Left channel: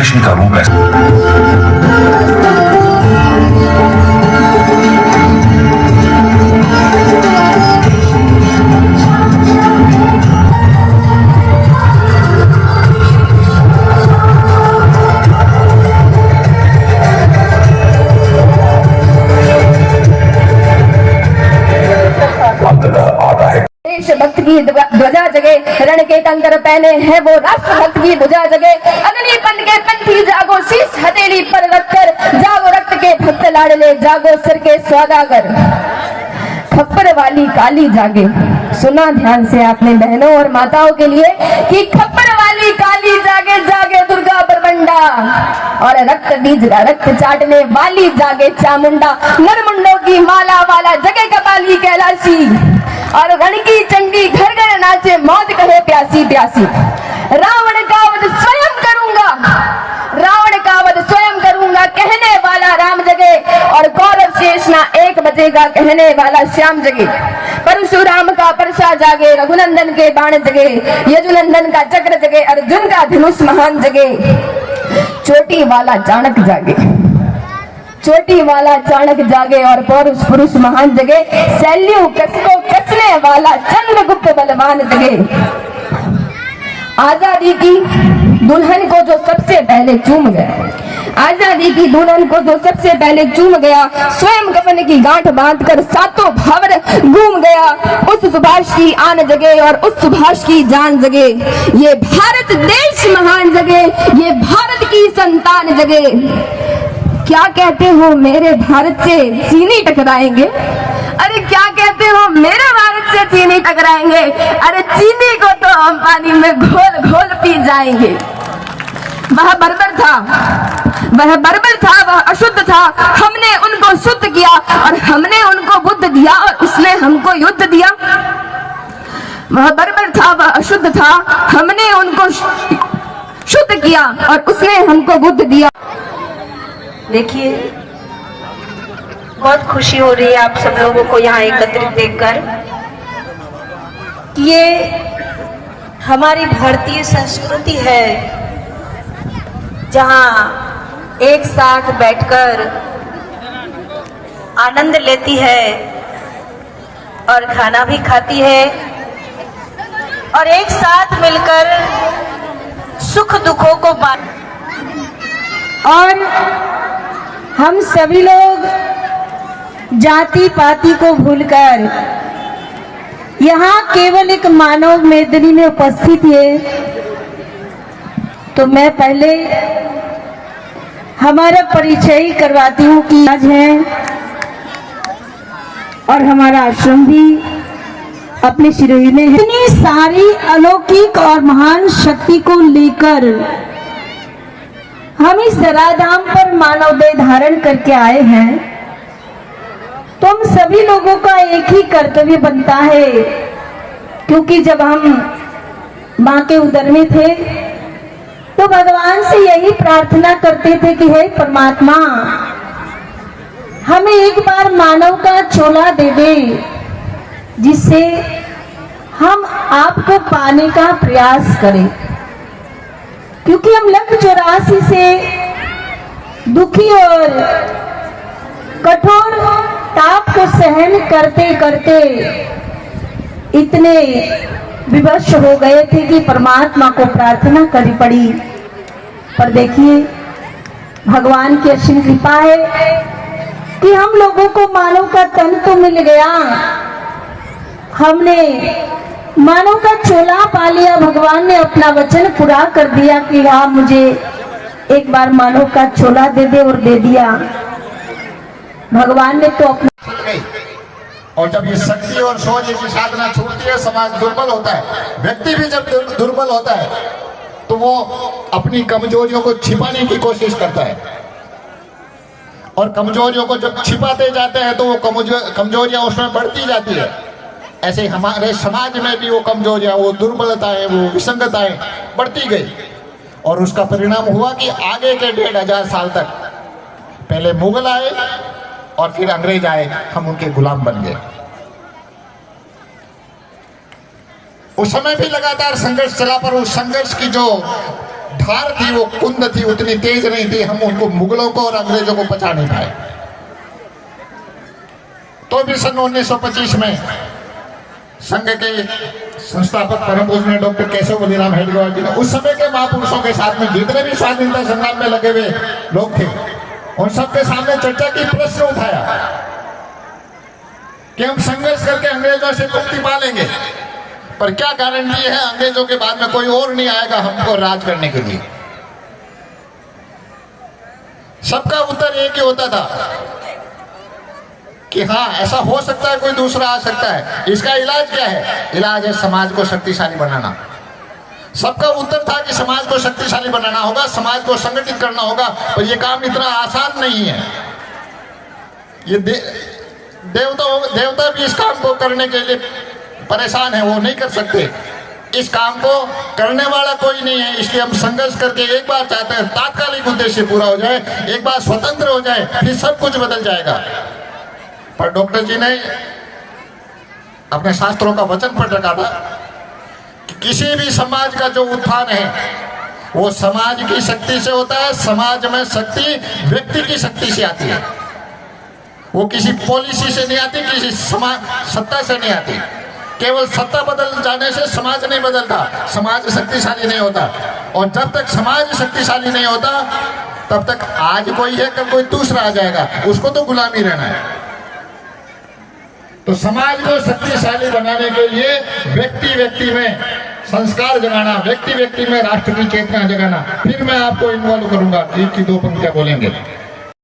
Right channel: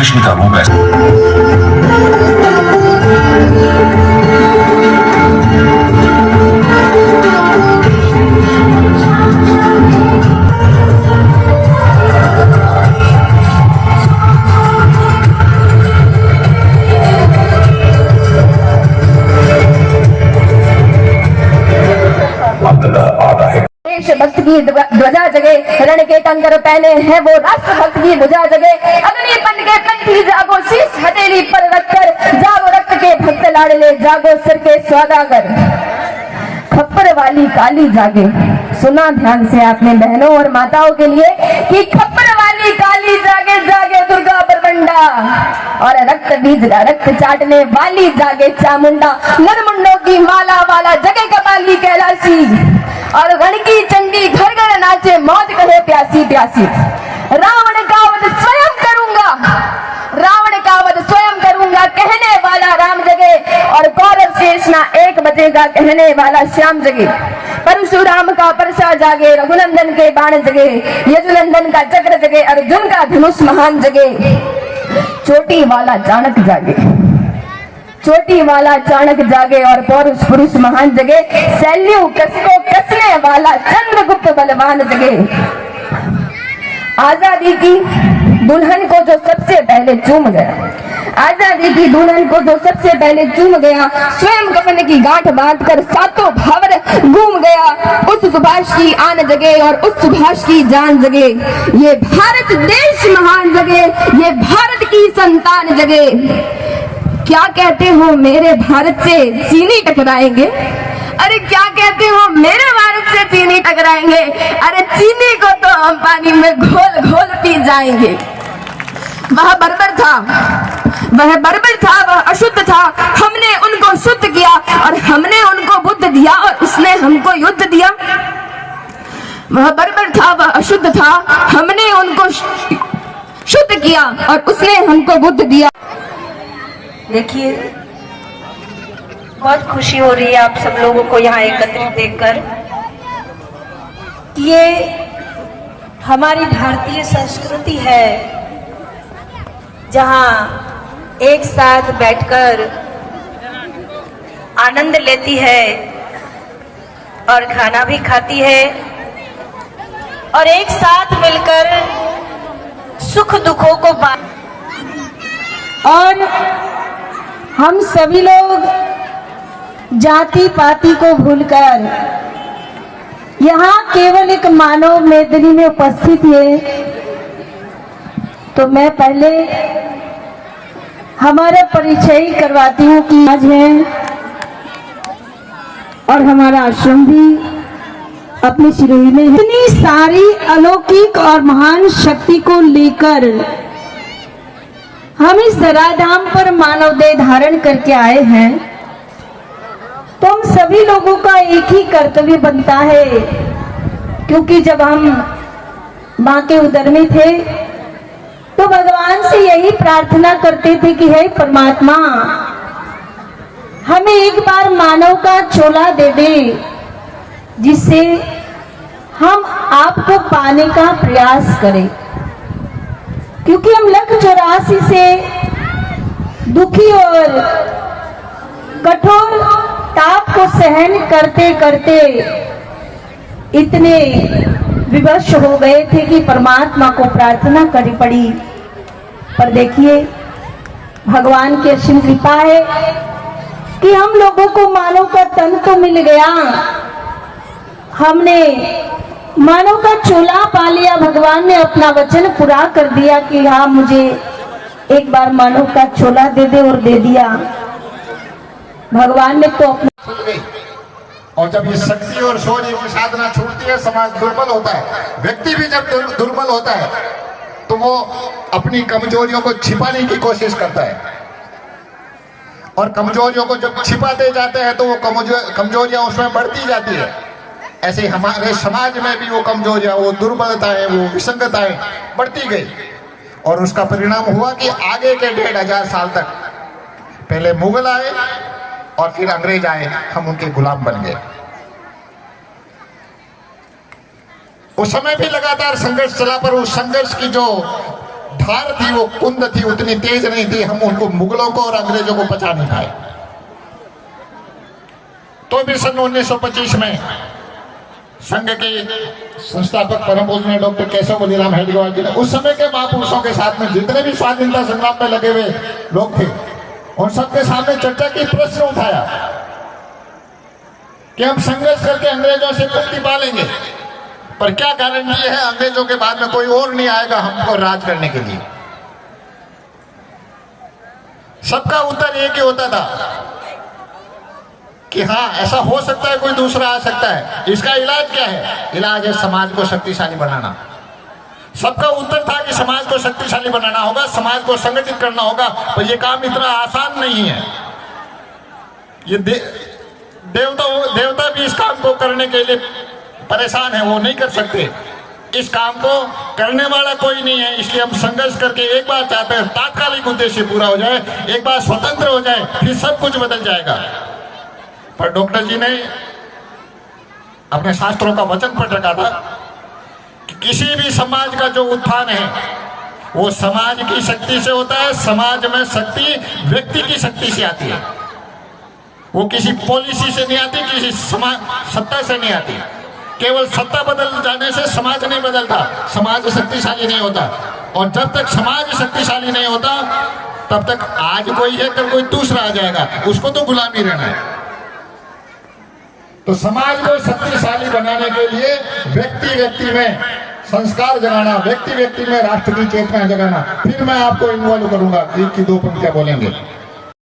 कृष्ण का रूप है। देशभक्त की ध्वजा जगे, रण के टंकर पहने हैं वो राष्ट्रभक्त की ध्वजा जगे। अग्निपन के कंठी जागो, शीश हथेली पर रखकर जागो, रक्त के भक्त लाडले जागो, सिर के सौदागर। खप्पर वाली काली जागे। सुना ध्यान से आपने बहनों और माताओं के लिए कि खप्पर वाली काली जागे, जागे दुर्गा परबंडा। और रक्त बीज रक्त चाटने वाली जागे चामुंडा। मुंडों की माला वाला जगे कपाली कैलाशी। और रण की चंडी घर घर नाचे, मौज कहे प्यासी प्यासी। रावण का वध स्वयं करूंगा, रावण का वध स्वयं करूंगा, कहने वाला राम जगे। और कौरव शेषना 1 बजेगा, कहने वाला श्याम जगे। परशुराम का परशा जागे, रघुनंदन के बाण जगे, यजुनंदन का चक्र जगे, अर्जुन का धनुष महान जगे। चोटी वाला चाणक्य जागे, चोटी वाला चाणक्य जागे। और पौरुष पुरुष महान जगे, शैल्यू कसको कसने वाला चंद्रगुप्त बलवान जगे। आजादी की दुल्हन को जो सबसे पहले चूम गया, आजादी की दुल्हन को जो सबसे पहले चूम गया, स्वयं कफन की गांठ बांधकर सातों भावर घूम गया, उस सुभाष की आन जगे और उस सुभाष की जान जगे। ये भारत देश महान जगे, ये भारत की संतान जगे। क्या कहते हो मेरे भारत से चीनी टकराएंगे? अरे क्या कहते हो मेरे भारत से चीनी टकराएंगे? अरे चीनी को तो हम पानी में घोल घोल पी जाएंगे। वह बर्बर था, वह बर्बर था, वह अशुद्ध था। हमने उनको शुद्ध किया और हमने उनको बुद्ध दिया और उसने हमको युद्ध दिया। वह बर्बर था, वह अशुद्ध था, हमने उनको शुद्ध किया और उसने हमको बुद्ध दिया। देखिए, बहुत खुशी हो रही है आप सब लोगों को यहाँ एकत्रित देखकर। ये हमारी भारतीय संस्कृति है, जहाँ एक साथ बैठकर आनंद लेती है और खाना भी खाती है और एक साथ मिलकर सुख दुखों को बांट। और हम सभी लोग जाति पाति को भूलकर यहाँ केवल एक मानव मेदनी में उपस्थित है। तो मैं पहले हमारा परिचय करवाती हूँ कि आज है और हमारा आश्रम भी अपने सिरोही में है। इतनी सारी अलौकिक और महान शक्ति को लेकर हम इस धराधाम पर मानव देह धारण करके आए हैं। तो हम सभी लोगों का एक ही कर्तव्य बनता है, क्योंकि जब हम मां के उदर में थे तो भगवान से यही प्रार्थना करते थे कि हे परमात्मा, हमें एक बार मानव का चोला दे दे, जिससे हम आपको पाने का प्रयास करें। क्योंकि हम 184 से दुखी और कठोर ताप को सहन करते करते इतने विवश हो गए थे कि परमात्मा को प्रार्थना करनी पड़ी। पर देखिए, भगवान की असीम कृपा है कि हम लोगों को मानव का तन तो मिल गया, हमने मानव का चोला पा लिया। भगवान ने अपना वचन पूरा कर दिया कि हाँ, मुझे एक बार मानव का चोला दे दे, और दे दिया। भगवान ने तो अपना। और जब ये शक्ति और शौर्य की साधना छूटती है, समाज दुर्बल होता है। व्यक्ति भी जब दुर्बल होता है तो वो अपनी कमजोरियों को छिपाने की कोशिश करता है, और कमजोरियों को जब छिपाते जाते हैं तो वो कमजोरियां उसमें बढ़ती जाती है। ऐसे हमारे समाज में भी वो कमजोरियां, वो दुर्बलताएं, वो विसंगताएं बढ़ती गई, और उसका परिणाम हुआ कि आगे के 1500 साल तक पहले मुगल आए और फिर अंग्रेज आए, हम उनके गुलाम बन गए। उस समय भी लगातार संघर्ष चला, पर उस संघर्ष की जो धार थी, वो कुंद थी, उतनी तेज नहीं थी, हम उनको मुगलों को और अंग्रेजों को बचा नहीं पाए। तो भी सन 1925 में संघ के संस्थापक परम पूजनीय डॉक्टर केशव बलिराम हेडगेवार जी ने उस समय के महापुरुषों के साथ में जितने भी स्वाधीनता संग्राम में लगे हुए लोग थे, उन सबके सामने चर्चा की, प्रश्न उठाया कि हम संघर्ष करके अंग्रेजों से मुक्ति पा लेंगे, पर क्या गारंटी है अंग्रेजों के बाद में कोई और नहीं आएगा हमको राज करने के लिए। सबका उत्तर एक ही होता था कि हाँ, ऐसा हो सकता है, कोई दूसरा आ सकता है। इसका इलाज क्या है? इलाज है समाज को शक्तिशाली बनाना। सबका उत्तर था कि समाज को शक्तिशाली बनाना होगा, समाज को संगठित करना होगा, पर यह काम इतना आसान नहीं है। ये देवता भी इस काम को करने के लिए परेशान है, वो नहीं कर सकते। इस काम को करने वाला कोई नहीं है, इसलिए हम संघर्ष करके एक बार चाहते हैं तात्कालिक उद्देश्य पूरा हो जाए, एक बार स्वतंत्र हो जाए, फिर सब कुछ बदल जाएगा। पर डॉक्टर जी ने अपने शास्त्रों का वचन पढ़ रखा था कि किसी भी समाज का जो उत्थान है वो समाज की शक्ति से होता है। समाज में शक्ति व्यक्ति की शक्ति से आती है, वो किसी पॉलिसी से नहीं आती, किसी सत्ता से नहीं आती। केवल सत्ता बदल जाने से समाज नहीं बदलता, समाज शक्तिशाली नहीं होता। और जब तक समाज शक्तिशाली नहीं होता तब तक आज कोई है, कल कोई दूसरा आ जाएगा, उसको तो गुलामी रहना है। तो समाज को शक्तिशाली बनाने के लिए व्यक्ति व्यक्ति में संस्कार जगाना, व्यक्ति व्यक्ति में राष्ट्र की चेतना जगाना। फिर मैं आपको इन्वॉल्व करूंगा, एक की दो पंक्तियां बोलेंगे।